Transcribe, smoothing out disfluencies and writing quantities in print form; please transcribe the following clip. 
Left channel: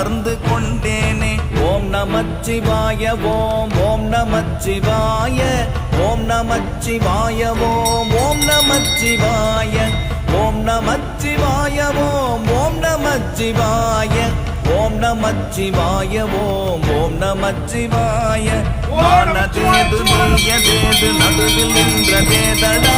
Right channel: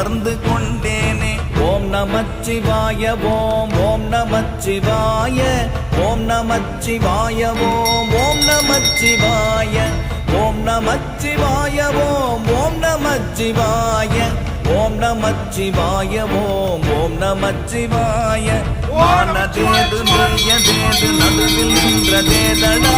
உணர்ந்து கொண்டேனே. ஓம் நமச்சிவாய ஓம் ஓம் நமச்சிவாய ஓம் நமச்சிவாய ஓம் ஓம் நமச்சிவாய ஓம் நமச்சிவாய ஓம் ஓம் நமச்சிவாய ஓம் நமச்சிவாய ஓம் ஓம் நமச்சிவாய. வானதேது நீயதேது நடுவில் நின்றதேதடா